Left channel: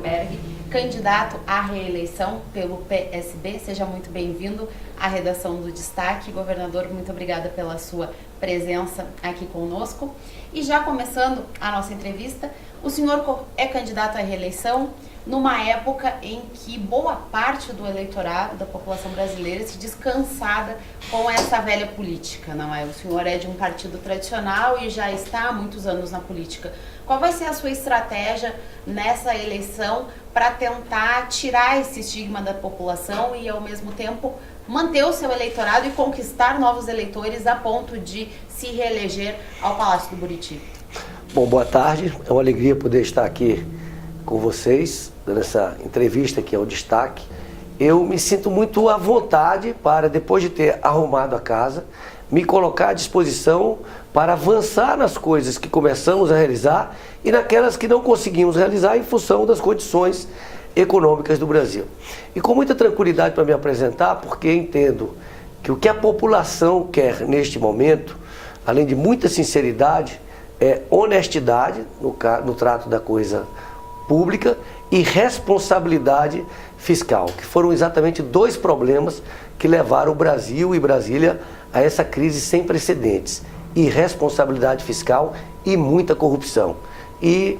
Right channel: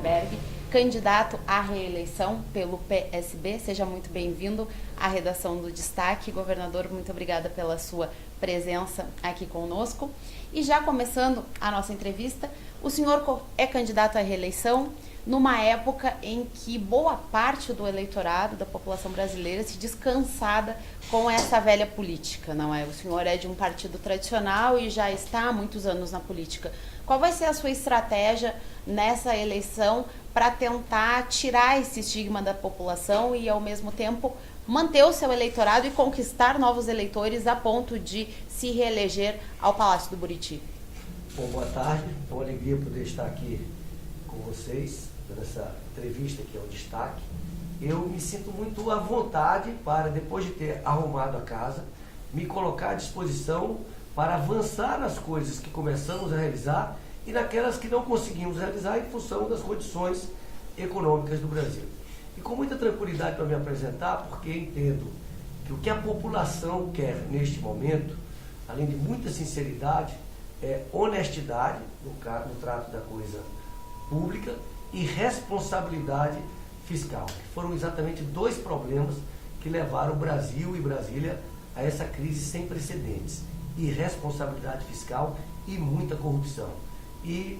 Arenberg, candidato à reeleição pelo PSB. Seja muito bem-vindo à redação do Destaque. Governador, muito obrigada pela sua presença aqui conosco. E já começando a nossa entrevista, o senhor é candidato à reeleição numa época em que boa parte do eleitorado, da população brasileira, se diz cansada com essa velha política, não é? O senhor é de um partido tradicional e já está há muitos anos na política. Qual vai ser a sua estratégia nessa eleição para tentar tirar esse estigma da população e, ao mesmo tempo, manter o seu eleitorado e conquistar novos eleitores a ponto de se reeleger ao Palácio do Buriti? Bom, boa tarde. É uma alegria poder estar aqui com vocês, nessa entrevista que é o Destaque. Eu me sinto muito à vontade para, depois de ter arrumado a casa, me colocar à disposição para avançar nas coisas que começamos a realizar e naquelas que não conseguimos realizar em função das condições econômicas do Brasil. E com muita tranquilidade para me apresentar, porque entendo que o que a população quer neste momento, além de muita sinceridade, é honestidade no trato da coisa pública e responsabilidade fiscal, que foram exatamente dois problemas que levaram o Brasil e Brasília a essa crise sem precedentes: irresponsabilidade fiscal e muita corrupção. E,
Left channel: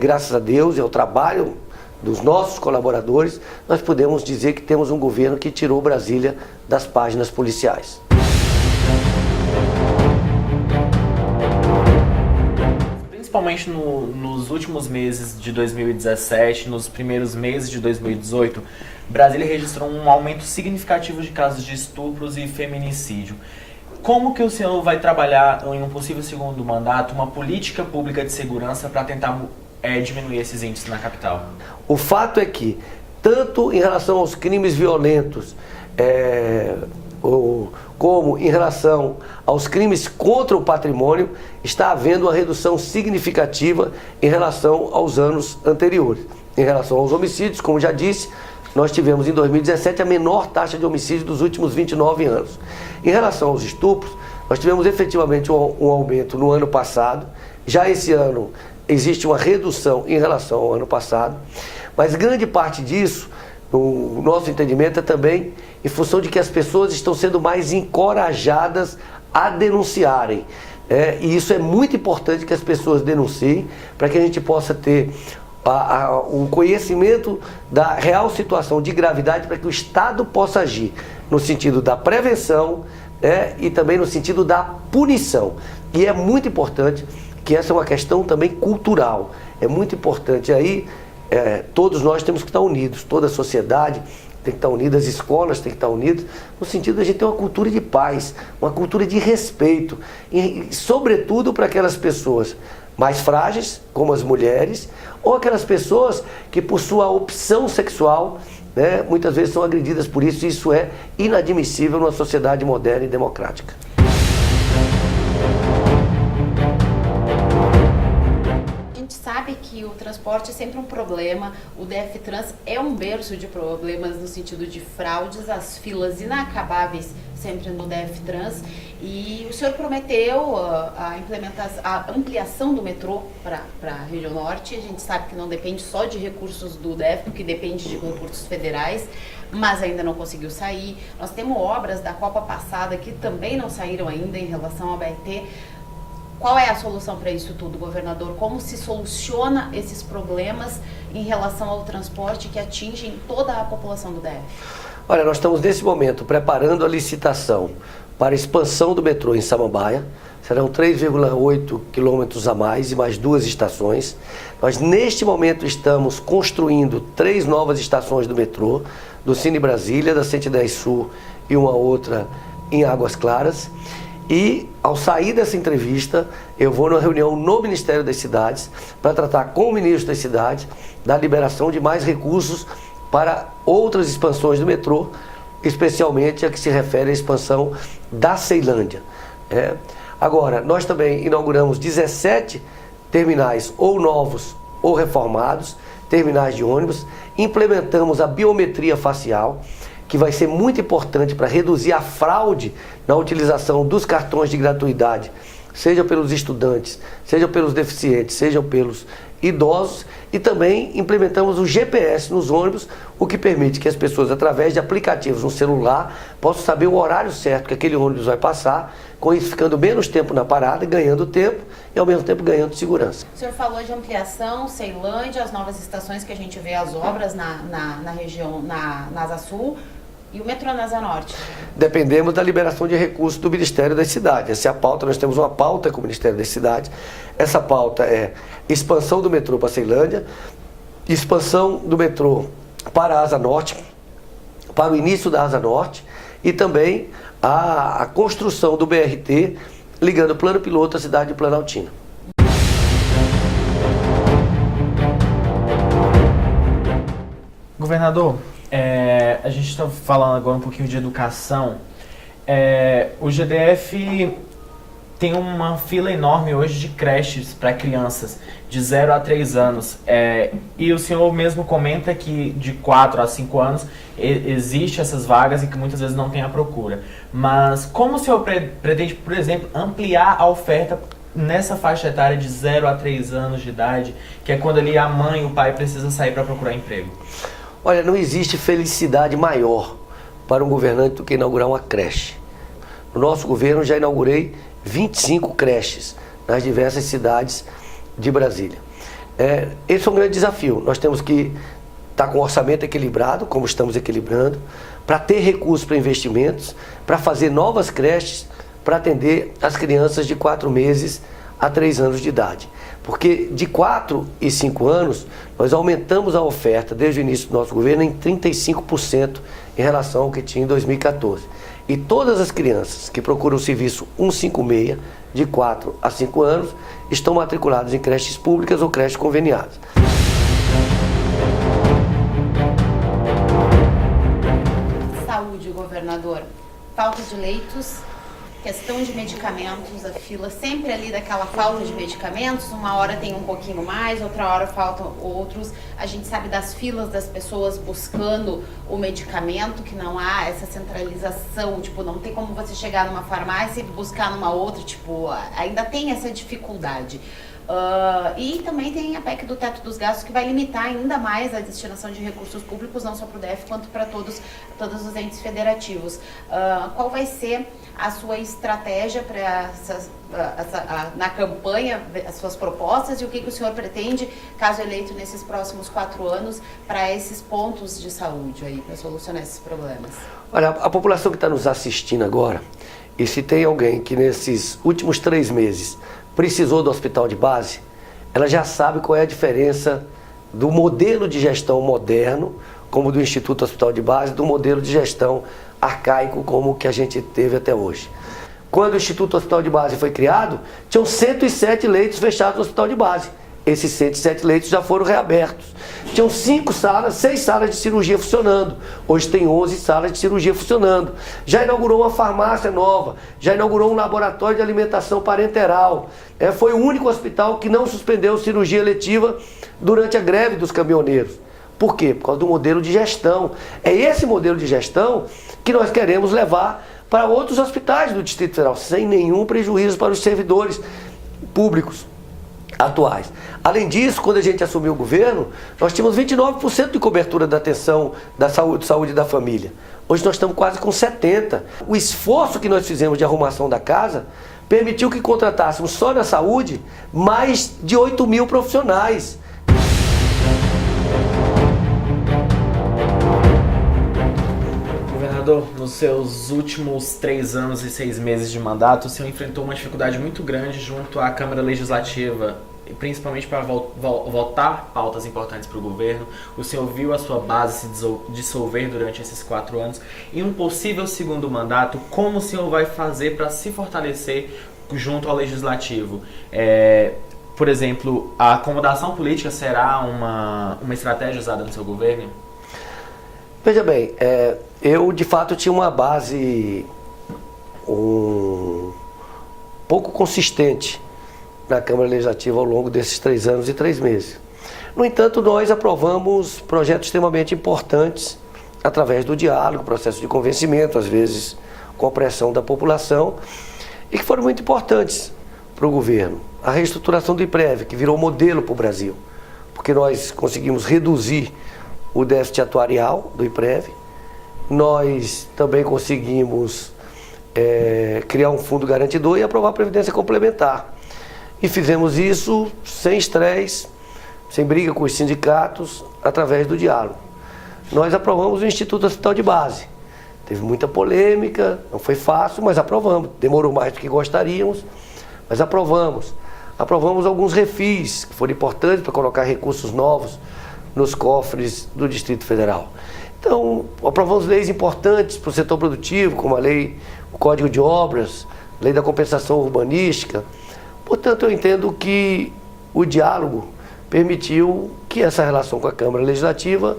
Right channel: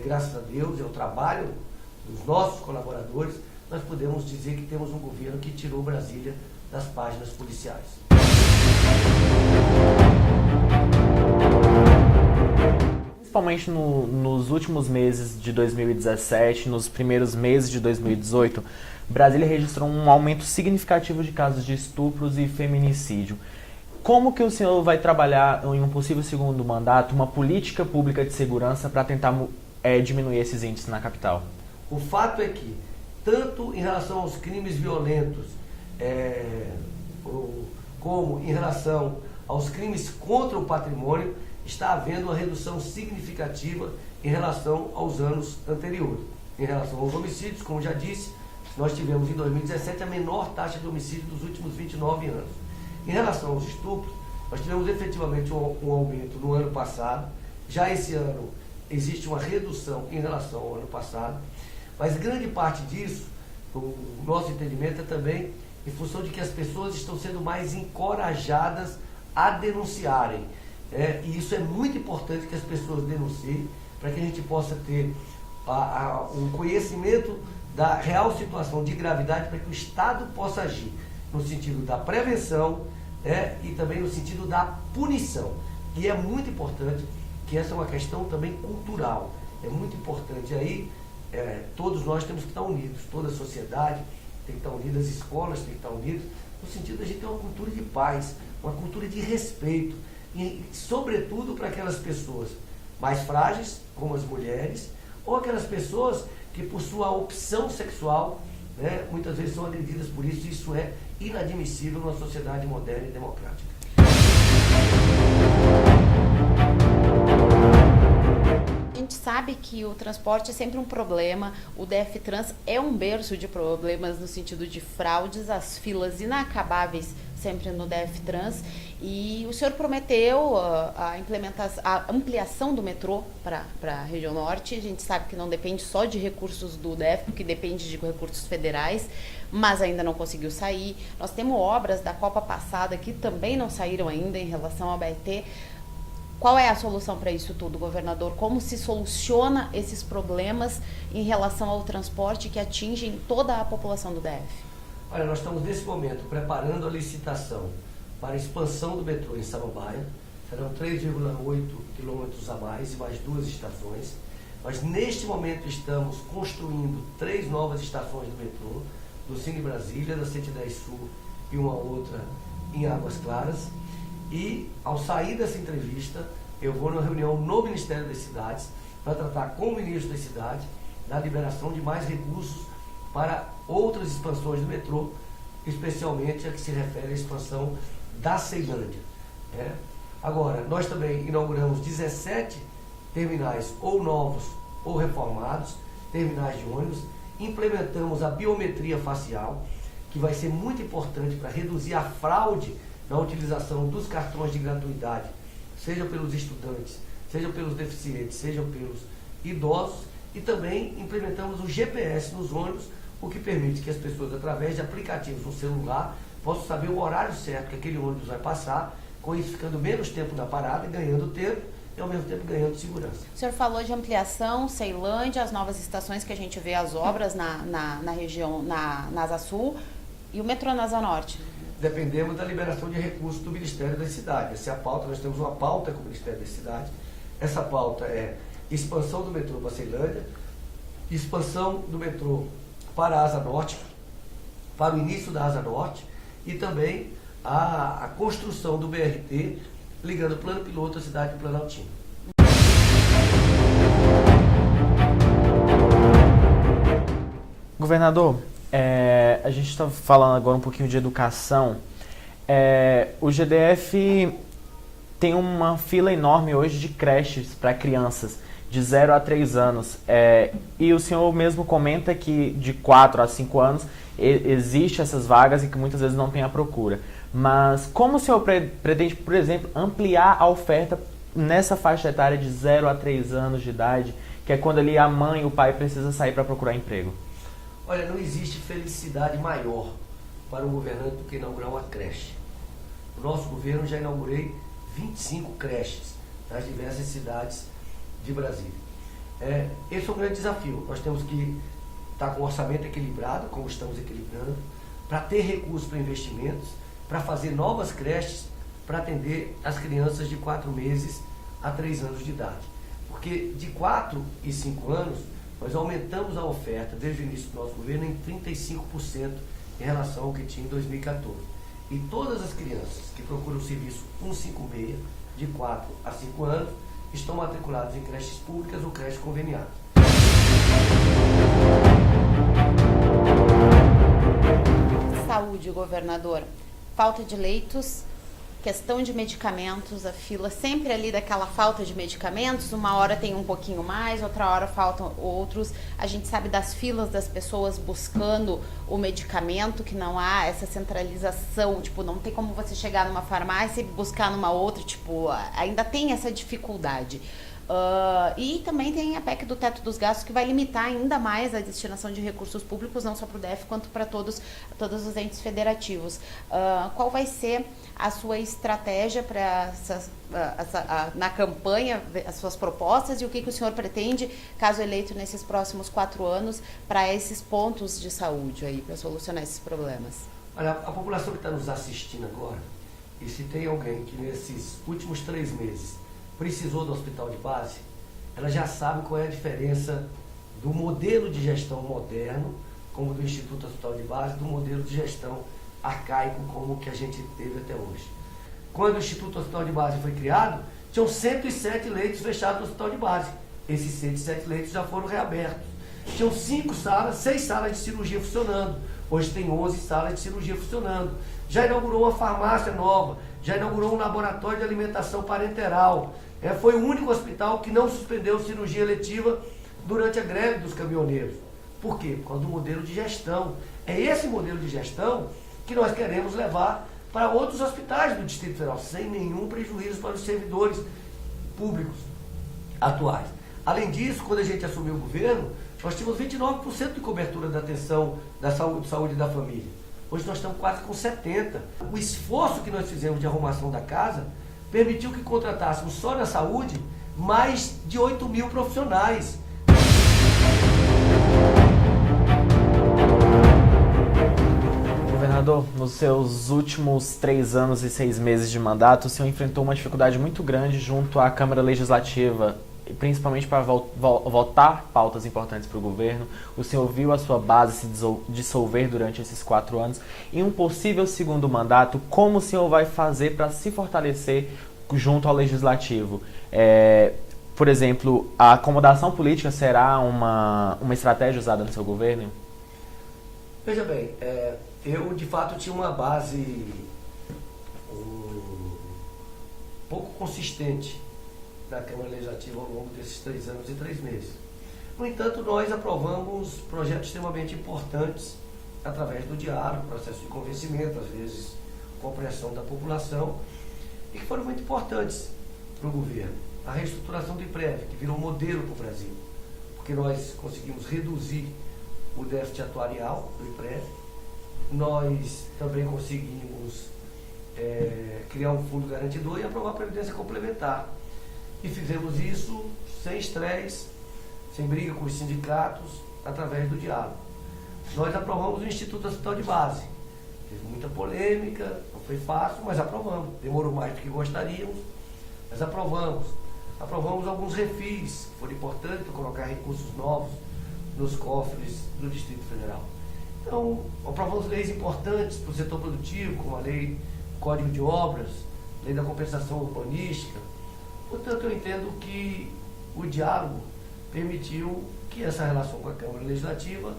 graças a Deus e ao trabalho dos nossos colaboradores, nós podemos dizer que temos um governo que tirou Brasília das páginas policiais. Principalmente nos últimos meses de 2017, nos primeiros meses de 2018, Brasília registrou um aumento significativo de casos de estupros e feminicídio. Como que o senhor vai trabalhar em um possível segundo mandato uma política pública de segurança para tentar diminuir esses índices na capital? O fato é que, tanto em relação aos crimes violentos, como em relação aos crimes contra o patrimônio, está havendo uma redução significativa em relação aos anos anteriores. Em relação aos homicídios, como já disse, nós tivemos em 2017 a menor taxa de homicídio dos últimos 29 anos. Em relação aos estupros, nós tivemos efetivamente um aumento no ano passado. Já esse ano existe uma redução em relação ao ano passado, mas grande parte disso, no nosso entendimento, é também em função de que as pessoas estão sendo mais encorajadas a denunciarem. E isso é muito importante, que as pessoas denunciem, para que a gente possa ter um conhecimento da real situação de gravidade, para que o Estado possa agir no sentido da prevenção, e também no sentido da punição. E é muito importante que essa é uma questão também cultural. É muito importante aí, todos nós temos que estar unidos, toda a sociedade tem que estar unida, as escolas têm que estar unidas, no sentido de a gente ter uma cultura de paz, uma cultura de respeito, e sobretudo para aquelas pessoas mais frágeis, como as mulheres, ou aquelas pessoas que, por sua opção sexual, muitas vezes são agredidas por isso, e isso é inadmissível numa sociedade moderna e democrática. A gente sabe que o transporte é sempre um problema, o DF-Trans é um berço de problemas no sentido de fraudes, as filas inacabáveis sempre no DF-Trans, e o senhor prometeu a ampliação do metrô para a região norte. A gente sabe que não depende só de recursos do DF, porque depende de recursos federais, mas ainda não conseguiu sair. Nós temos obras da Copa passada que também não saíram ainda em relação ao BRT. Qual é a solução para isso tudo, governador? Como se soluciona esses problemas em relação ao transporte que atingem toda a população do DF? Olha, nós estamos nesse momento preparando a licitação para a expansão do metrô em Samambaia. Serão 3,8 quilômetros a mais e mais 2 estações. Nós, neste momento, estamos construindo 3 novas estações do metrô, do Cine Brasília, da 110 Sul e uma outra em Águas Claras. E, ao sair dessa entrevista, eu vou numa reunião no Ministério das Cidades para tratar com o ministro das Cidades da liberação de mais recursos para outras expansões do metrô, especialmente a que se refere à expansão da Ceilândia. Agora, nós também inauguramos 17 terminais ou novos ou reformados, terminais de ônibus, implementamos a biometria facial, que vai ser muito importante para reduzir a fraude na utilização dos cartões de gratuidade, seja pelos estudantes, seja pelos deficientes, seja pelos idosos e também implementamos o GPS nos ônibus, o que permite que as pessoas, através de aplicativos no celular, possam saber o horário certo que aquele ônibus vai passar, com isso ficando menos tempo na parada, ganhando tempo e ao mesmo tempo ganhando segurança. O senhor falou de ampliação, Ceilândia, as novas estações que a gente vê as obras na região, na Asa Sul, e o metrô na Asa Norte. Dependemos da liberação de recursos do Ministério das Cidades. Essa é a pauta, nós temos uma pauta com o Ministério das Cidades. Essa pauta é expansão do metrô para Ceilândia, expansão do metrô para a Asa Norte, para o início da Asa Norte e também a construção do BRT ligando o plano piloto à cidade de Planaltina. Governador, a gente está falando agora um pouquinho de educação. O GDF tem uma fila enorme hoje de creches para crianças de 0 a 3 anos. E o senhor mesmo comenta que de 4 a 5 anos existem essas vagas e que muitas vezes não tem a procura. Mas como o senhor pretende, por exemplo, ampliar a oferta nessa faixa etária de 0 a 3 anos de idade, que é quando ali a mãe e o pai precisam sair para procurar emprego? Olha, não existe felicidade maior para um governante do que inaugurar uma creche. No nosso governo já inaugurei 25 creches nas diversas cidades de Brasília. Esse é um grande desafio. Nós temos que estar com o orçamento equilibrado, como estamos equilibrando, para ter recursos para investimentos, para fazer novas creches, para atender as crianças de 4 meses a 3 anos de idade. Porque de 4 e 5 anos, nós aumentamos a oferta desde o início do nosso governo em 35% em relação ao que tinha em 2014. E todas as crianças que procuram o serviço 156, de 4 a 5 anos, estão matriculadas em creches públicas ou creches conveniadas. Saúde, governador. Falta de leitos, questão de medicamentos, a fila sempre ali daquela falta de medicamentos, uma hora tem um pouquinho mais, outra hora faltam outros. A gente sabe das filas das pessoas buscando o medicamento, que não há essa centralização, tipo, não tem como você chegar numa farmácia e buscar numa outra, tipo, ainda tem essa dificuldade. E também tem a PEC do teto dos gastos, que vai limitar ainda mais a destinação de recursos públicos, não só para o DF, quanto para todos os entes federativos. Qual vai ser a sua estratégia para na campanha, as suas propostas, e o que o senhor pretende, caso eleito nesses próximos 4 anos, para esses pontos de saúde aí, para solucionar esses problemas? Olha, a população que está nos assistindo agora, e se tem alguém que nesses últimos 3 meses precisou do hospital de base, ela já sabe qual é a diferença do modelo de gestão moderno, como do Instituto Hospital de Base, do modelo de gestão arcaico, como o que a gente teve até hoje. Quando o Instituto Hospital de Base foi criado, tinham 107 leitos fechados no hospital de base. Esses 107 leitos já foram reabertos. Tinham 6 salas de cirurgia funcionando. Hoje tem 11 salas de cirurgia funcionando. Já inaugurou uma farmácia nova. Já inaugurou um laboratório de alimentação parenteral. Foi o único hospital que não suspendeu cirurgia eletiva durante a greve dos caminhoneiros. Por quê? Por causa do modelo de gestão. É esse modelo de gestão que nós queremos levar para outros hospitais do Distrito Federal, sem nenhum prejuízo para os servidores públicos atuais. Além disso, quando a gente assumiu o governo, nós tínhamos 29% de cobertura da atenção da saúde da família. Hoje nós estamos quase com 70%. O esforço que nós fizemos de arrumação da casa permitiu que contratássemos só na saúde mais de 8 mil profissionais. Governador, nos seus últimos 3 anos e 6 meses de mandato, o senhor enfrentou uma dificuldade muito grande junto à Câmara Legislativa, principalmente para votar pautas importantes para o governo. O senhor viu a sua base se dissolver durante esses 4 anos. Em um possível segundo mandato, como o senhor vai fazer para se fortalecer junto ao Legislativo? Por exemplo, a acomodação política será uma estratégia usada no seu governo? Veja bem, eu de fato tinha uma base pouco consistente na Câmara Legislativa ao longo desses 3 anos e 3 meses. No entanto, nós aprovamos projetos extremamente importantes através do diálogo, processo de convencimento, às vezes com a pressão da população, e que foram muito importantes para o governo. A reestruturação do IPREV, que virou modelo para o Brasil. porque nós conseguimos reduzir o déficit atuarial do IPREV, nós também conseguimos criar um fundo garantidor e aprovar a previdência complementar. E fizemos isso sem estresse, sem briga com os sindicatos, através do diálogo. Nós aprovamos o Instituto Hospital de Base. Teve muita polêmica, não foi fácil, mas aprovamos. Demorou mais do que gostaríamos, mas aprovamos. Aprovamos alguns refis, que foram importantes para colocar recursos novos nos cofres do Distrito Federal. Então, aprovamos leis importantes para o setor produtivo, como a lei, o Código de Obras, lei da compensação urbanística. Portanto, eu entendo que o diálogo permitiu que essa relação com a Câmara Legislativa,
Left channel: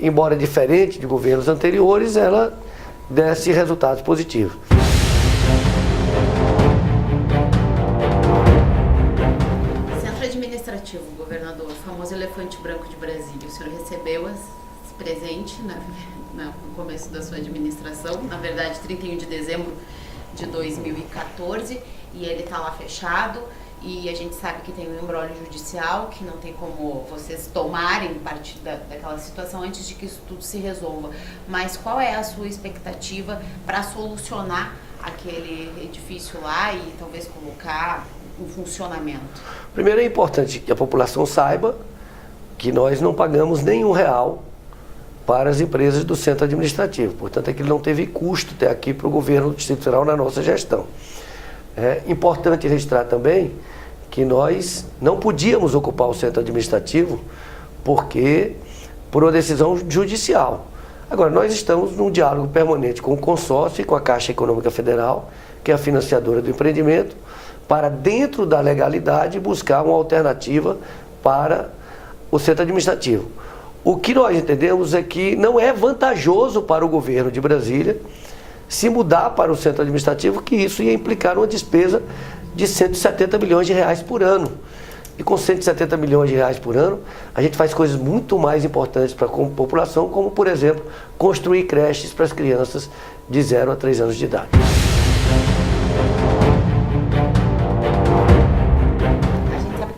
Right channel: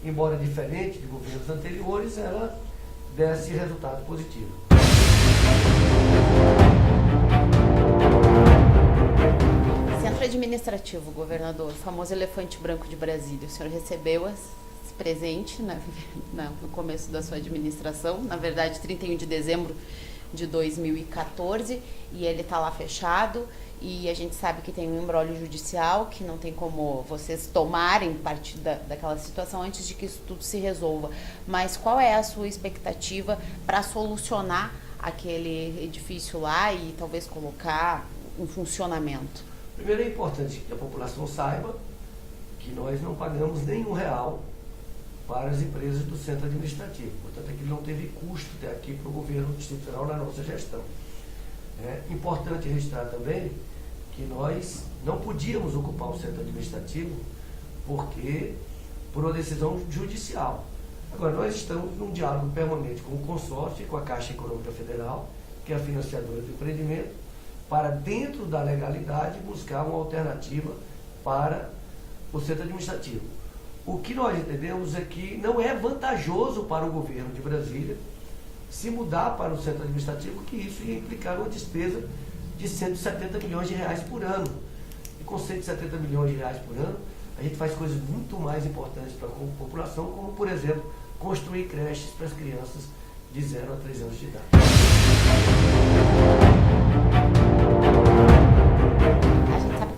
embora diferente de governos anteriores, ela desse resultados positivos. Centro Administrativo, governador, o famoso elefante branco de Brasília. O senhor recebeu esse presente no começo da sua administração, na verdade 31 de dezembro de 2014, e ele está lá fechado. E a gente sabe que tem um imbróglio judicial, que não tem como vocês tomarem parte daquela situação antes de que isso tudo se resolva. Mas qual é a sua expectativa para solucionar aquele edifício lá e talvez colocar em funcionamento? Primeiro, é importante que a população saiba que nós não pagamos nenhum real para as empresas do centro administrativo. Portanto, é que ele não teve custo até aqui para o governo do Distrito Federal na nossa gestão. É importante registrar também que nós não podíamos ocupar o centro administrativo por uma decisão judicial. Agora, nós estamos num diálogo permanente com o consórcio e com a Caixa Econômica Federal, que é a financiadora do empreendimento, para, dentro da legalidade, buscar uma alternativa para o centro administrativo. O que nós entendemos é que não é vantajoso para o governo de Brasília se mudar para o centro administrativo, que isso ia implicar uma despesa de 170 milhões de reais por ano. E com 170 milhões de reais por ano, a gente faz coisas muito mais importantes para a população, como, por exemplo, construir creches para as crianças de 0 a 3 anos de idade.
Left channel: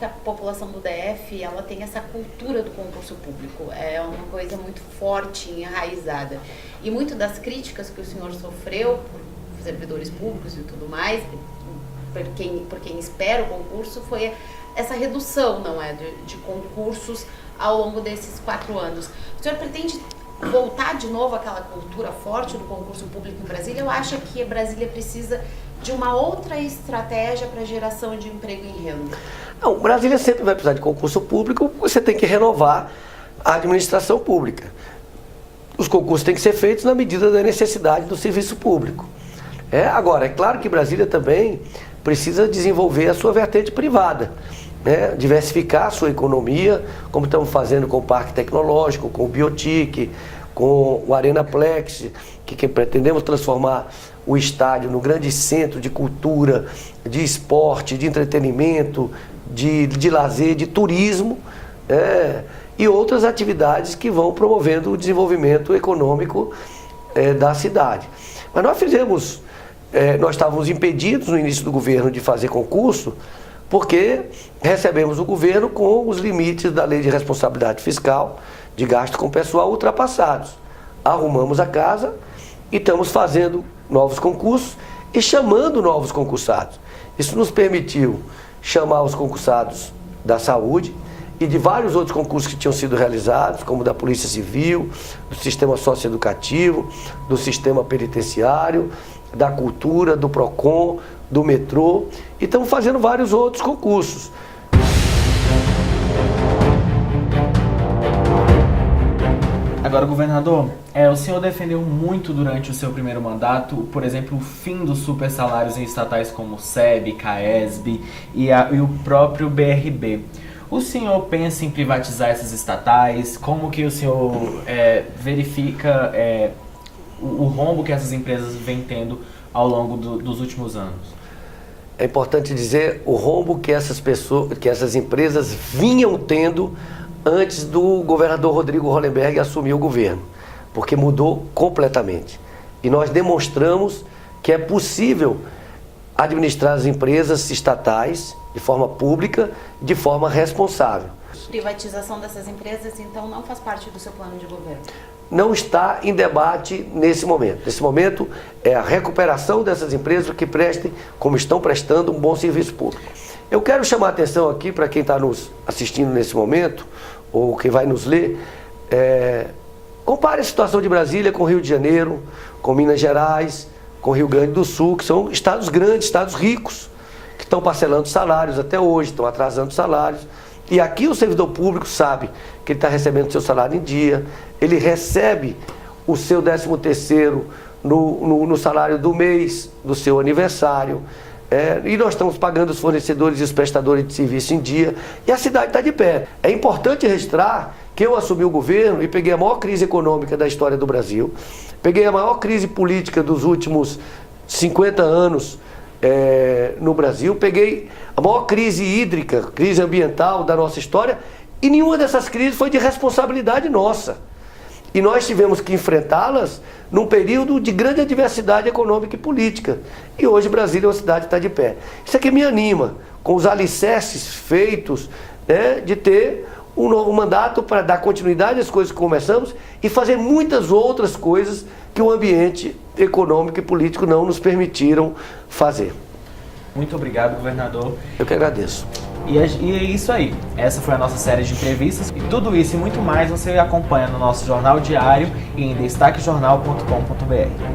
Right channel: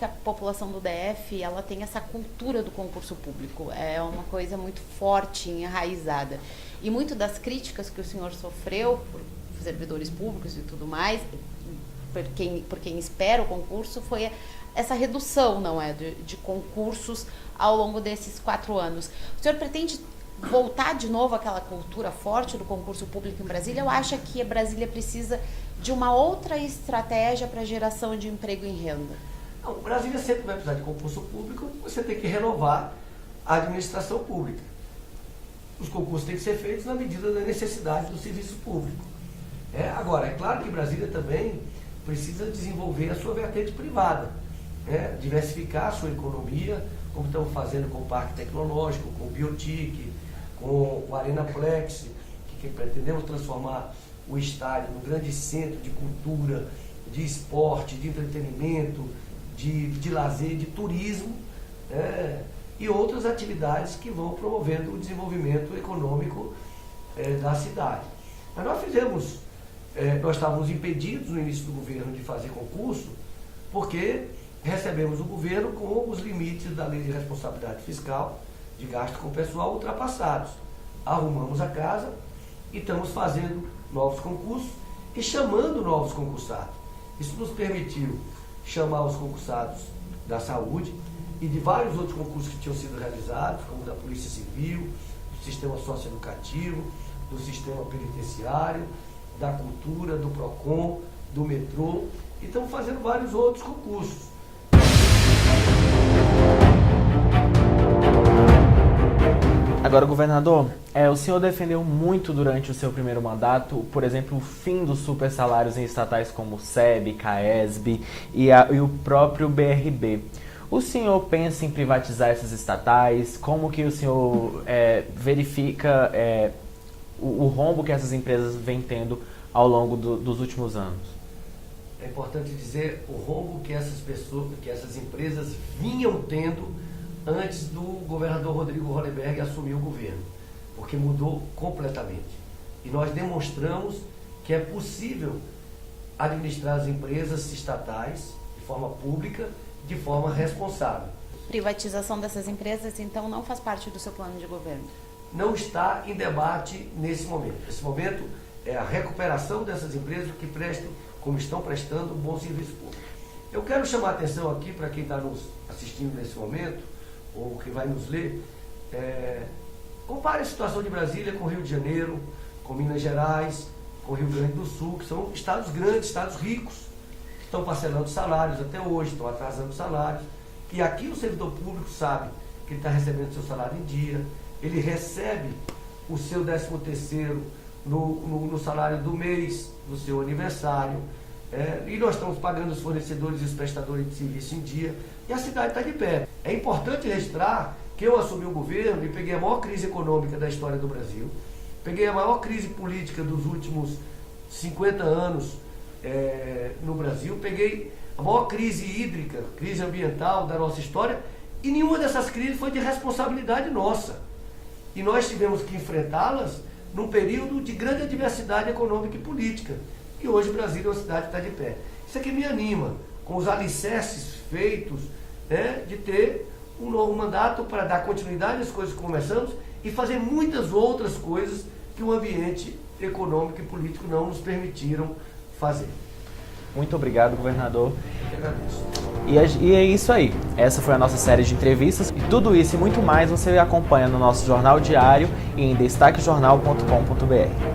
A população do DF, ela tem essa cultura do concurso público, é uma coisa muito forte, enraizada. E muito das críticas que o senhor sofreu por servidores públicos e tudo mais, por quem espera o concurso, foi essa redução, não é, de concursos ao longo desses 4 anos. O senhor pretende voltar de novo àquela cultura forte do concurso público em Brasília, ou acha que Brasília precisa de uma outra estratégia para a geração de emprego e renda? Não, Brasília sempre vai precisar de concurso público, você tem que renovar a administração pública. Os concursos têm que ser feitos na medida da necessidade do serviço público. Agora, é claro que Brasília também precisa desenvolver a sua vertente privada, né? Diversificar a sua economia, como estamos fazendo com o Parque Tecnológico, com o Biotic, com o Arenaplex, que pretendemos transformar o estádio no grande centro de cultura, de esporte, de entretenimento, de lazer, de turismo, e outras atividades que vão promovendo o desenvolvimento econômico da cidade. Mas nós estávamos impedidos no início do governo de fazer concurso, porque recebemos o governo com os limites da Lei de Responsabilidade Fiscal, de gasto com pessoal ultrapassados. Arrumamos a casa e estamos fazendo novos concursos e chamando novos concursados. Isso nos permitiu chamar os concursados da saúde e de vários outros concursos que tinham sido realizados, como da Polícia Civil, do Sistema Socioeducativo, do Sistema Penitenciário, da Cultura, do PROCON, do metrô, e estamos fazendo vários outros concursos. Agora, governador, o senhor defendeu muito durante o seu primeiro mandato, por exemplo, o fim dos super salários em estatais como o SEB, CAESB e o próprio BRB. O senhor pensa em privatizar essas estatais? Como que o senhor verifica o rombo que essas empresas vêm tendo ao longo dos últimos anos? É importante dizer o rombo que essas empresas vinham tendo antes do governador Rodrigo Hollenberg assumir o governo, porque mudou completamente. E nós demonstramos que é possível administrar as empresas estatais de forma pública, de forma responsável. Privatização dessas empresas, então, não faz parte do seu plano de governo? Não está em debate nesse momento. Nesse momento é a recuperação dessas empresas que prestem, como estão prestando, um bom serviço público. Eu quero chamar a atenção aqui para quem está nos assistindo nesse momento, ou quem vai nos ler, compare a situação de Brasília com Rio de Janeiro, com Minas Gerais, com Rio Grande do Sul, que são estados grandes, estados ricos, que estão parcelando salários até hoje, estão atrasando salários. E aqui o servidor público sabe que ele está recebendo o seu salário em dia, ele recebe o seu 13º no salário do mês do seu aniversário, e nós estamos pagando os fornecedores e os prestadores de serviço em dia, e a cidade está de pé. É importante registrar que eu assumi o governo e peguei a maior crise econômica da história do Brasil, peguei a maior crise política dos últimos 50 anos no Brasil, peguei a maior crise hídrica, crise ambiental da nossa história, e nenhuma dessas crises foi de responsabilidade nossa. E nós tivemos que enfrentá-las num período de grande adversidade econômica e política. E hoje Brasília é uma cidade que está de pé. Isso aqui me anima, com os alicerces feitos, de ter um novo mandato para dar continuidade às coisas que começamos e fazer muitas outras coisas que o ambiente econômico e político não nos permitiram fazer. Muito obrigado, governador. Eu que agradeço. E é isso aí. Essa foi a nossa série de entrevistas. E tudo isso e muito mais você acompanha no nosso jornal diário e em destaquejornal.com.br.